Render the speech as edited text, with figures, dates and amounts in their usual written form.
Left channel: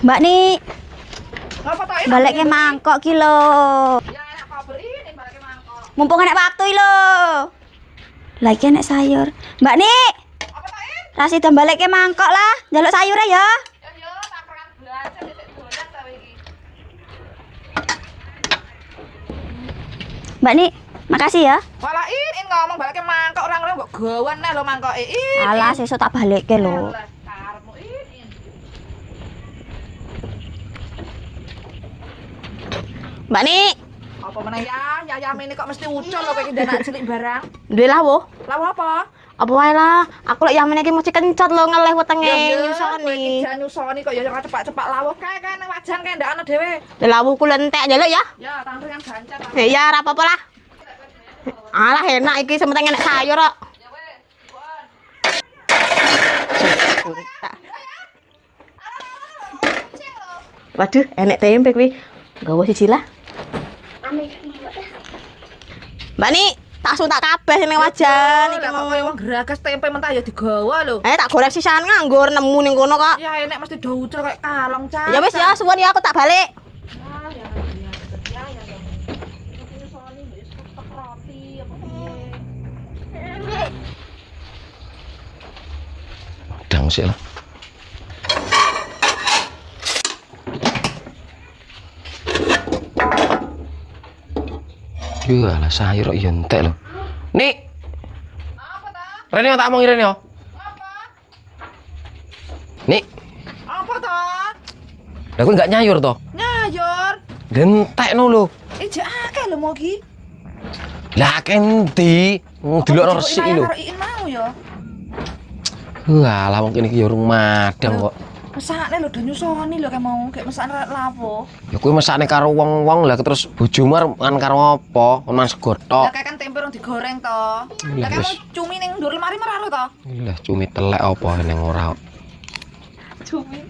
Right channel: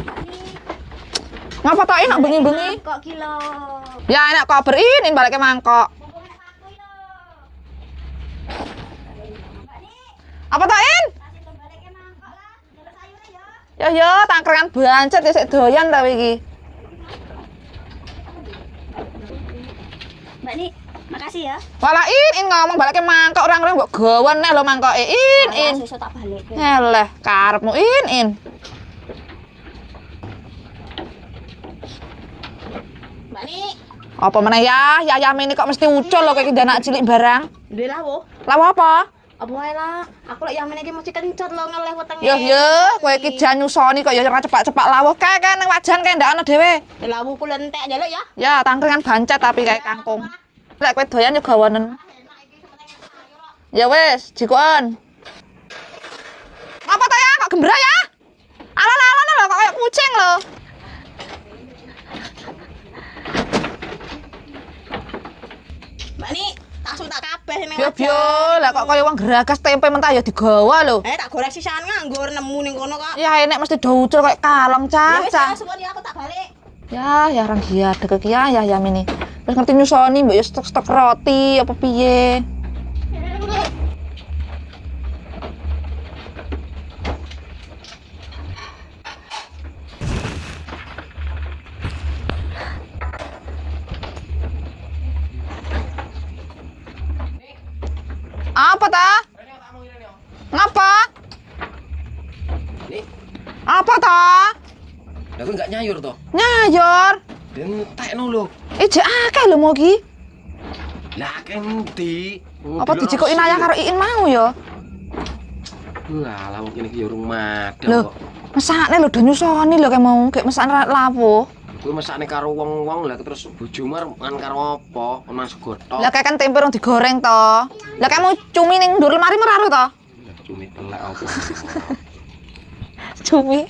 Mbak nih. Ngapa tok ini Balik mangkok ki lho. Ya enak kok berin balik mangkok. Mumpung enak waktu lho. Lagi enak sayur. Mbak nih. Apa tok in? Rasida balik mangkok lah. Njaluk sayure ya. Ya tangkrengan bancet ya sik doyan ta iki. Mbak nih, makasih ya. Walah in ngomong balik mangkok orang-orang mbok gawen neh lho mangkoke in. Alah sesuk tak balikke lho. Eleh karepmu in. Mbak nih. Apa meneh ya? Yayam ini kok mesti ucul lho kayak anak cilik barang. Duwe lawo. Lawo apa? Apa wae lah. Aku lek yamen iki mesti kencot lho ngeleh wetenge. Ya kowe iki jan nyusoni kok ya ora cepak-cepak lawuh kae nang wajan kae ndak ono dhewe. Lawuhku lentek njaluk ya. Ya tangkringan bancet tapi. Ya ora apa-apa lah. Lek kowe doyan yo gawonen. Alah enak iki sementing enak sayur kok. Ya wis, jikoan. Apa ta ya? Kok gembra ya? Alon-alon lho kok kayak kucing lho. Waduh, enek tempe kuwi. Gawa siji lah. Mbak nih, tak suntak kabeh ning wajan. Lah kok kaya wong geragas tempe mentah ya digawa lho. Tak goreng sisan nganggur nemu ning kono kok. Ya enek mesti do ucul kayak kalong cah. Ya wis ya, suwun ya aku tak balik. Ya orang dia deket ya ini. Terus ngerti nyusoni mbok ya stok-stok roti apa piye. Dang sih. Lah sayur kok ya entek lho. Nik. Apa ta? Rene tak omong Rene. Ngapa? Nik. Apa ta? Lah kowe enggak nyayur to? Nyayur. Gentekno lho. Jek akeh lho mau ki. Lah kendi? Apa dijikoki ayah karo Iin mau ya? Lah wong kene iki ya urung madang kok. Mesakne lho do nyusoni lho kayak mau kayak mesakne lawuh. Ya kowe mesakne karo wong-wong lah terus bojomu kan karo apa? Ono segotok. Lah kayak kan tempe rong digoreng to. Lah kayak mau cumi ning ndur lemari meraro to. Lah cumi telek apa ning ora. Cumi.